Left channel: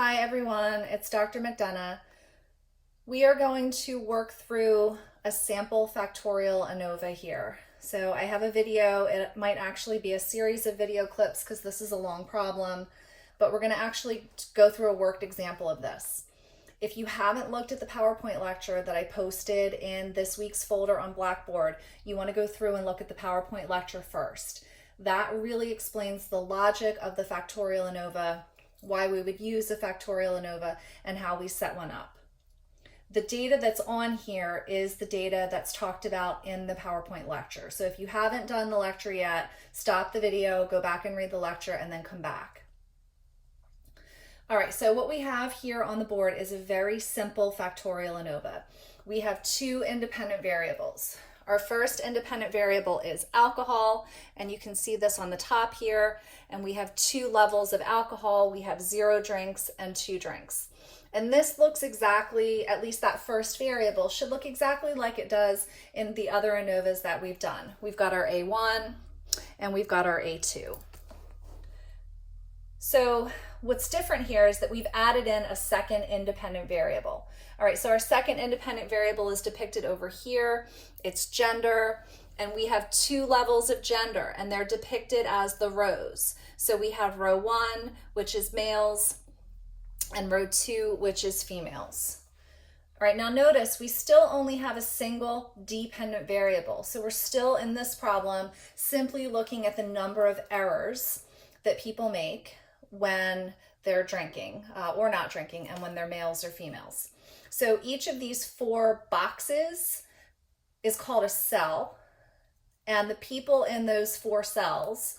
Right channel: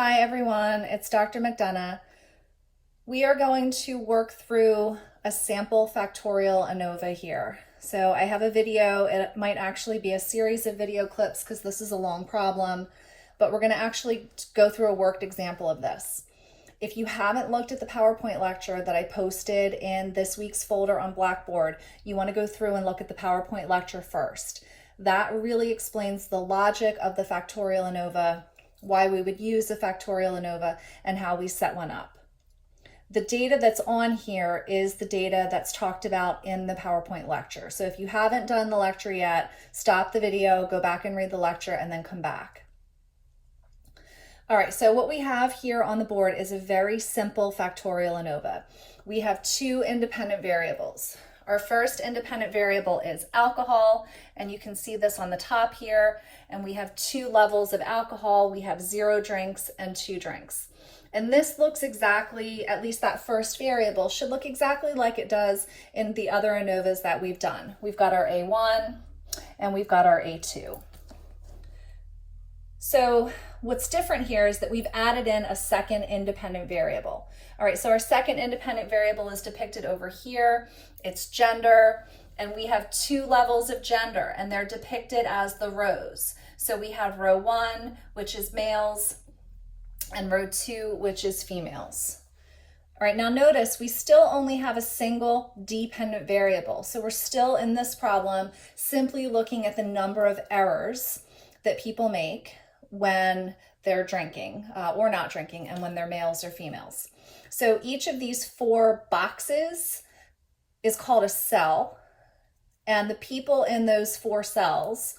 Hi everyone, it's Dr. McDonough. We are going to work through a sample factorial ANOVA here. So I have a video, it might actually be a series of video clips because this is a long problem, but we're going to actually go through a worked example of this. If you haven't looked at the PowerPoint lecture that I posted in this week's folder on Blackboard, you want to go through and look at the PowerPoint lecture first. That really explains the logic of the Factorial ANOVA, why we would use the Factorial ANOVA, and how we set one up. The data that's on here is the data that's talked about in the PowerPoint lecture. So if you haven't done the lecture yet, stop the video, go back and read the lecture, and then come back. All right, so what we have here on the board is a very simple Factorial ANOVA. We have two independent variables. Our first independent variable is alcohol, and you can see this on the top here. And we have two levels of alcohol. We have 0 drinks and 2 drinks. And this looks exactly, at least that first variable, should look exactly like it does in the other ANOVAs that we've done. We've got our A1 and we've got our A2. So what's different here is that we've added in a second independent variable. All right, so our second independent variable is depicted over here. It's gender, and we have 2 levels of gender, and they're depicted as the rows. So we have row 1, which is males, and row 2, which is females. All right, now notice we still only have a single dependent variable. So we're still in this problem simply looking at the number of errors that people make when they're drinking or not drinking, and when they're males or females. So each of these 4 boxes is called a cell, and the people in those 4 cells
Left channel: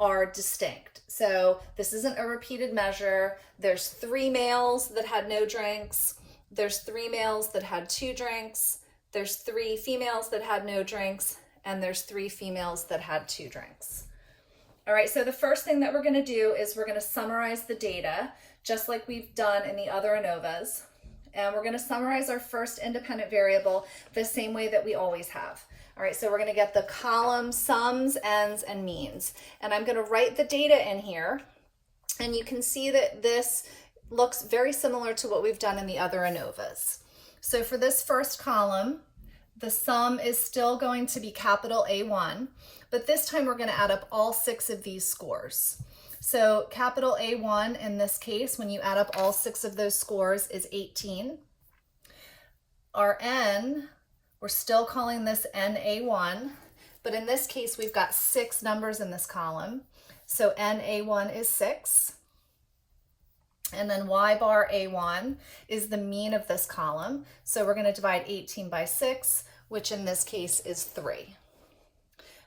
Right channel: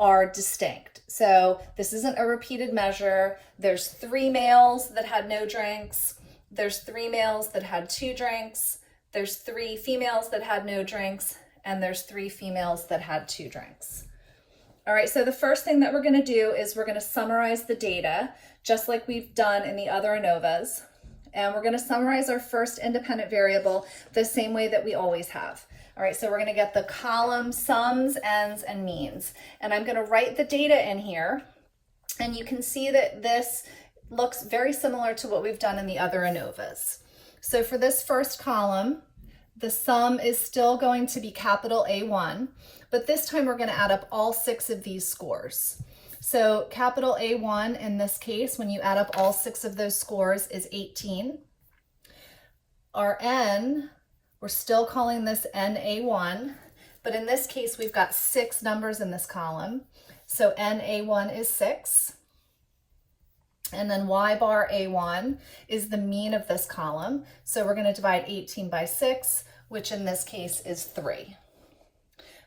are distinct. So this isn't a repeated measure. There's 3 males that had no drinks. There's 3 males that had 2 drinks. There's 3 females that had no drinks, and there's 3 females that had 2 drinks. All right, so the first thing that we're going to do is we're going to summarize the data, just like we've done in the other ANOVAs. And we're going to summarize our first independent variable the same way that we always have. All right, so we're going to get the column sums, ends, and means. And I'm going to write the data in here. And you can see that this looks very similar to what we've done in the other ANOVAs. So for this first column, the sum is still going to be capital A1, but this time we're going to add up all 6 of these scores. So capital A1 in this case, when you add up all 6 of those scores, is 18. Our N, we're still calling this NA1, but in this case we've got 6 numbers in this column. So NA1 is 6. And then Y bar A1 is the mean of this column. So we're going to divide 18 by 6, which in this case is 3.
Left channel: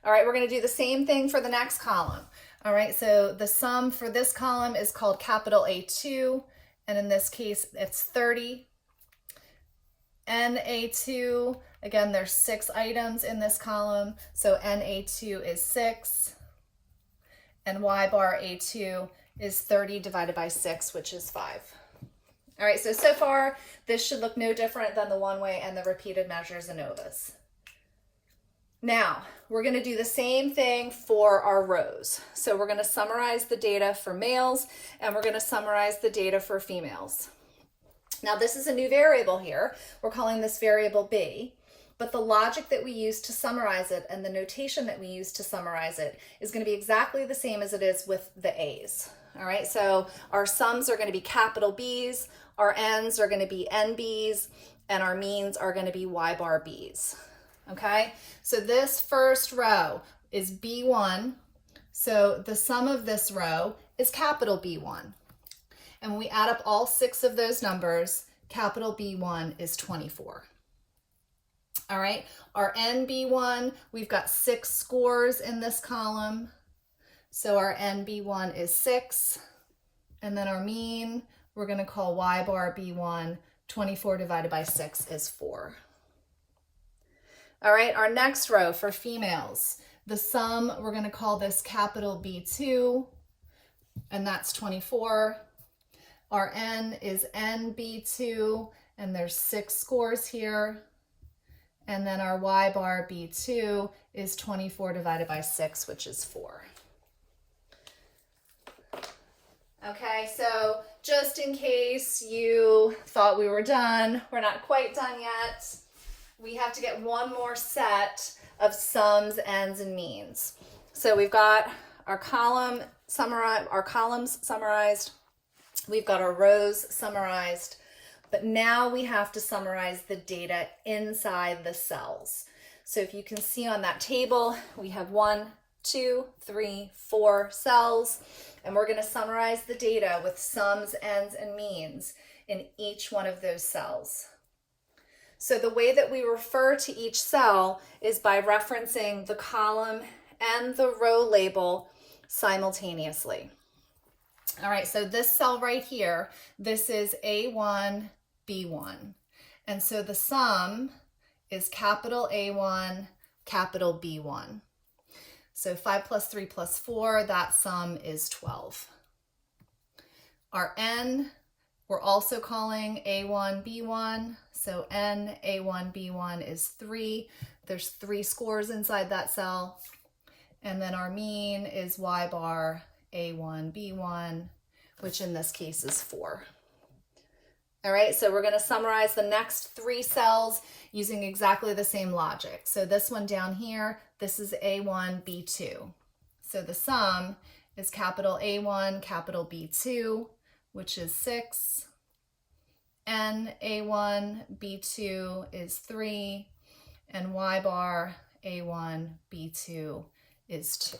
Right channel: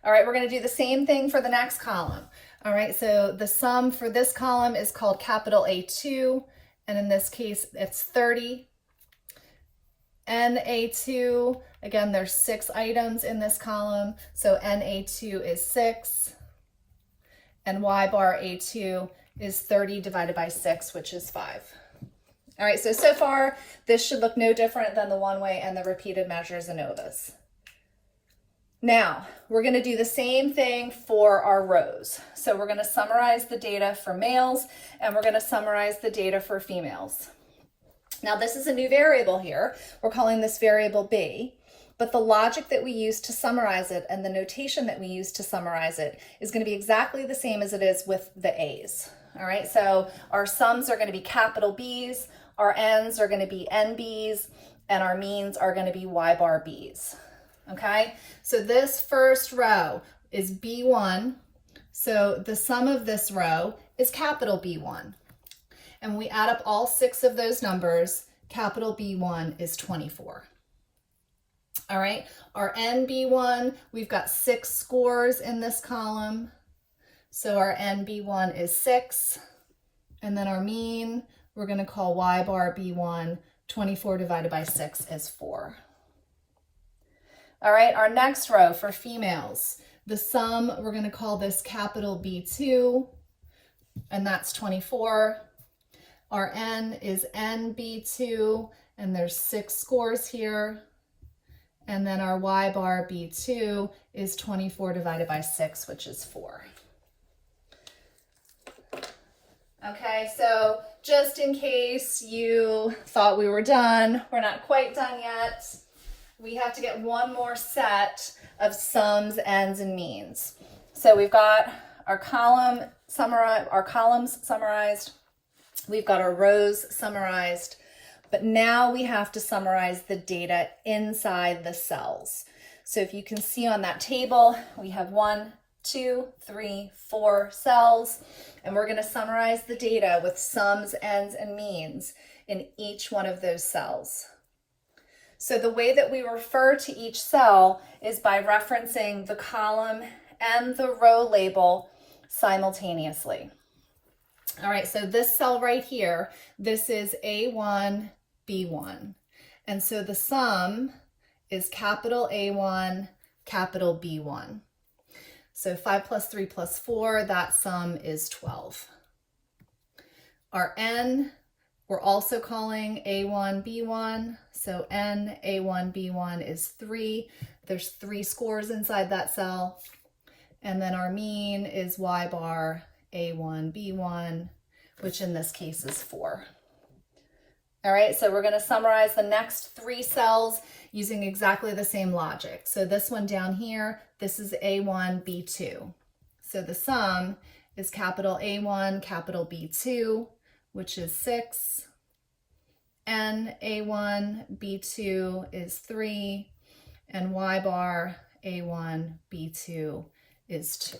All right, we're going to do the same thing for the next column. All right, so the sum for this column is called capital A2, and in this case it's 30. NA2, again, there's 6 items in this column, so NA2 is 6, and Y bar A2 is 30 divided by 6, which is 5. All right, so far this should look no different than the one-way and the repeated measures ANOVAs. Now, we're going to do the same thing for our rows. So we're going to summarize the data for males, and we're going to summarize the data for females. Now, this is a new variable here. We're calling this variable B, but the logic that we use to summarize it and the notation that we use to summarize it is going to be exactly the same as it is with the A's. All right, so our sums are going to be capital B's, our ends are going to be NB's, and our means are going to be Y bar B's. Okay, so this first row is B1, so the sum of this row is capital B1. And when we add up all 6 of those numbers, capital B1 is 24. All right, our NB1, we've got 6 scores in this column, so our NB1 is 6, and then our mean, we're going to call Y bar B1, 24 divided by 6 is 4. All right, our next row for females, the sum, we're going to call this capital B2, and that's 24. Our N is NB2, and there's 6 scores here. And then our Y bar B2 is 24 divided by 6, which is 4. Okay, so just in case you thought we were done, we're not quite done yet. We have to get one more set of sums, ends, and means. So we've got our columns summarized. We've got our rows summarized, but now we have to summarize the data inside the cells. So if you can see on that table, we have 1, 2, 3, 4 cells, and we're going to summarize the data with sums, ends, and means in each one of those cells. So the way that we refer to each cell is by referencing the column and the row label simultaneously. All right, so this cell right here, this is A1, B1. And so the sum is capital A1, capital B1. So 5 plus 3 plus 4, that sum is 12. Our N, we're also calling A1, B1. So N, A1, B1 is 3. There's 3 scores inside that cell. And then our mean is Y bar, A1, B1, which in this case is 4. All right, so we're going to summarize the next 3 cells using exactly the same logic. So this one down here, this is A1, B2. So the sum is capital A1, capital B2, which is 6. N, A1, B2 is 3. And Y bar, A1, B2 is 2.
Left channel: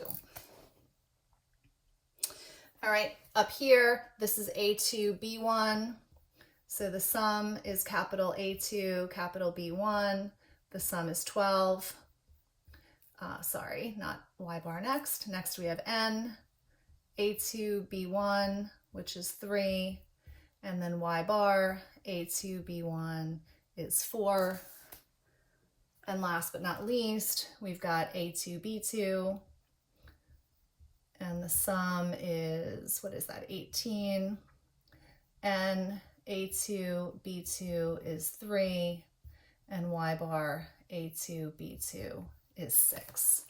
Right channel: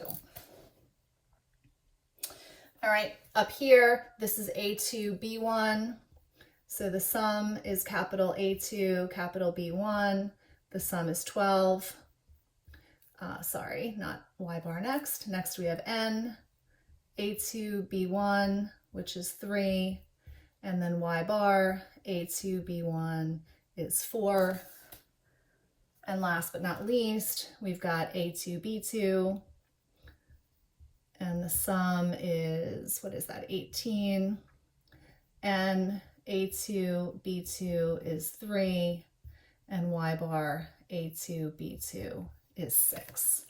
All right, up here, this is A2, B1. So the sum is capital A2, capital B1. The sum is 12. Sorry, not Y bar next. Next we have N, A2, B1, which is 3. And then Y bar, A2, B1 is 4. And last but not least, we've got A2, B2. And the sum is, what is that, 18. And A2, B2 is 3, and Y bar A2, B2 is 6.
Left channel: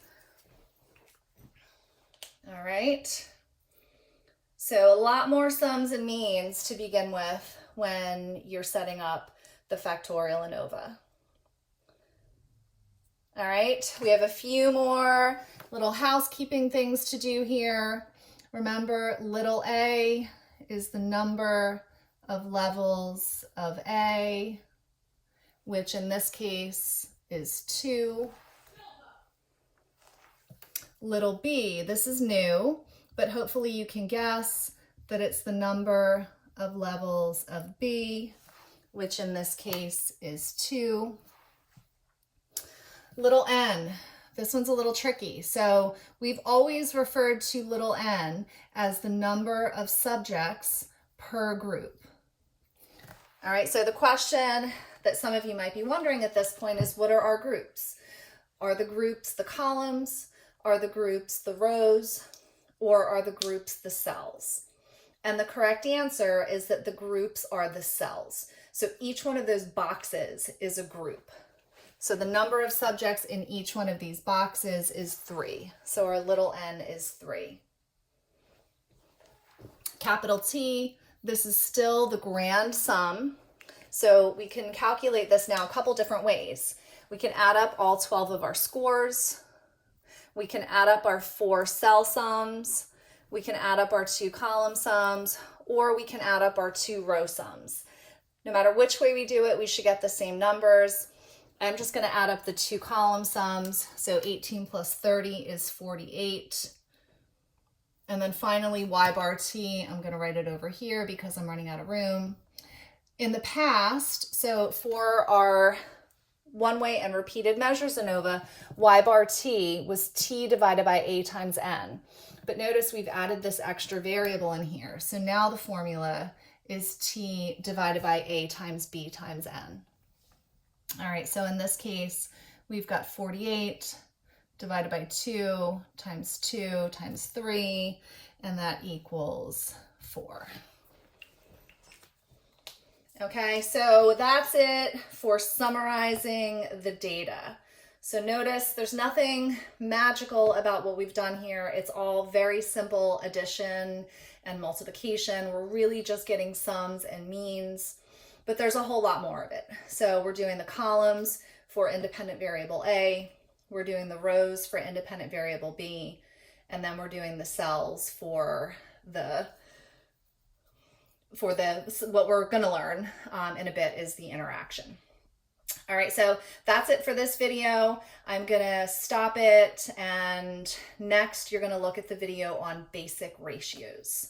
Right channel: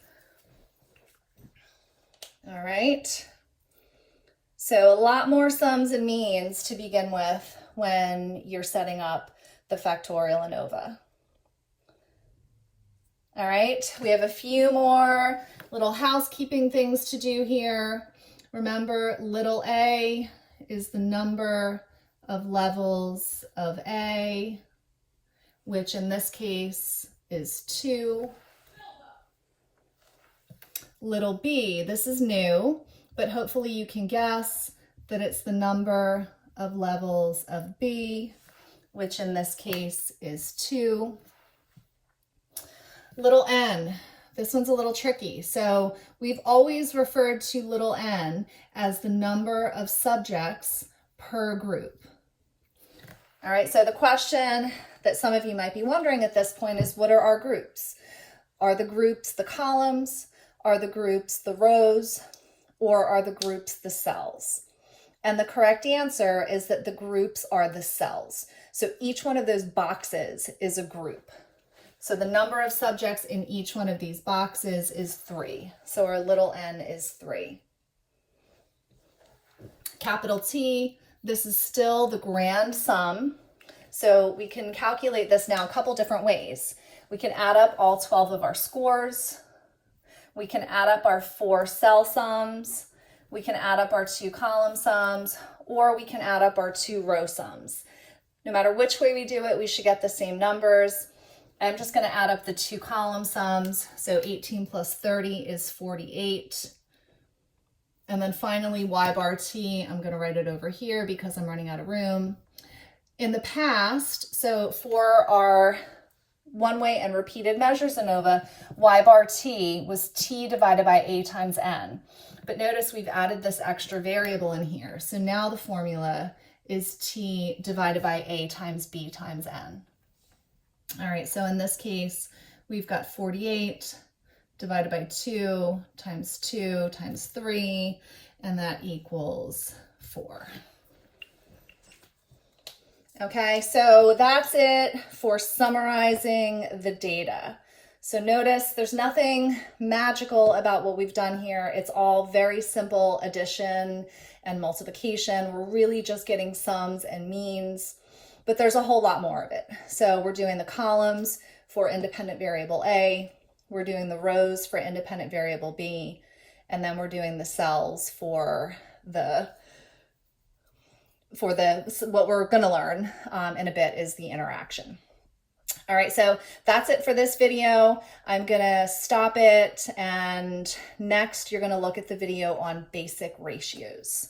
All right. So a lot more sums and means to begin with when you're setting up the Factorial ANOVA. All right, we have a few more little housekeeping things to do here. Remember, little a is the number of levels of A, which in this case is 2. Little b, this is new, but hopefully you can guess that it's the number of levels of B, which in this case is 2. Little n, this one's a little tricky. So we've always referred to little n as the number of subjects per group. All right, so the question that some of you might be wondering at this point is, what are our groups? Are the groups the columns? Are the groups the rows? Or are the groups the cells? And the correct answer is that the groups are the cells. So each one of those boxes is a group. So the number of subjects in each one of these boxes is 3. So our little n is 3. Capital T, this is still the grand sum. So we can calculate this now a couple different ways. We can add up all 12 of our scores. We can add up our 4 cell sums. We can add up our 2 column sums, or we can add up our 2 row sums. No matter which way we do it, we should get the same numbers. I'm just going to add up the 2 column sums. So 18 plus 30 is 48. And then finally, Y bar T, I'm going to write it over here because I'm running out of room. In the past, so for our one-way and repeated measures ANOVA, Y bar T was T divided by A times N. But notice we've added this extra variable in here. So now the formula is T divided by A times B times N. All right, so in this case, we've got 48 divided by 2 times 3, and that equals 4. Okay, so that's it for summarizing the data. So notice there's nothing magical about what we've done here. It's all very simple addition and multiplication. We're really just getting sums and means, but there's a whole lot more of it. So we're doing the columns for independent variable A, we're doing the rows for independent variable B, and then we're doing the cells for what we're going to learn in a bit is the interaction. All right, so that's it for this video. I'm gonna stop it, and next you're gonna look at the video on basic ratios.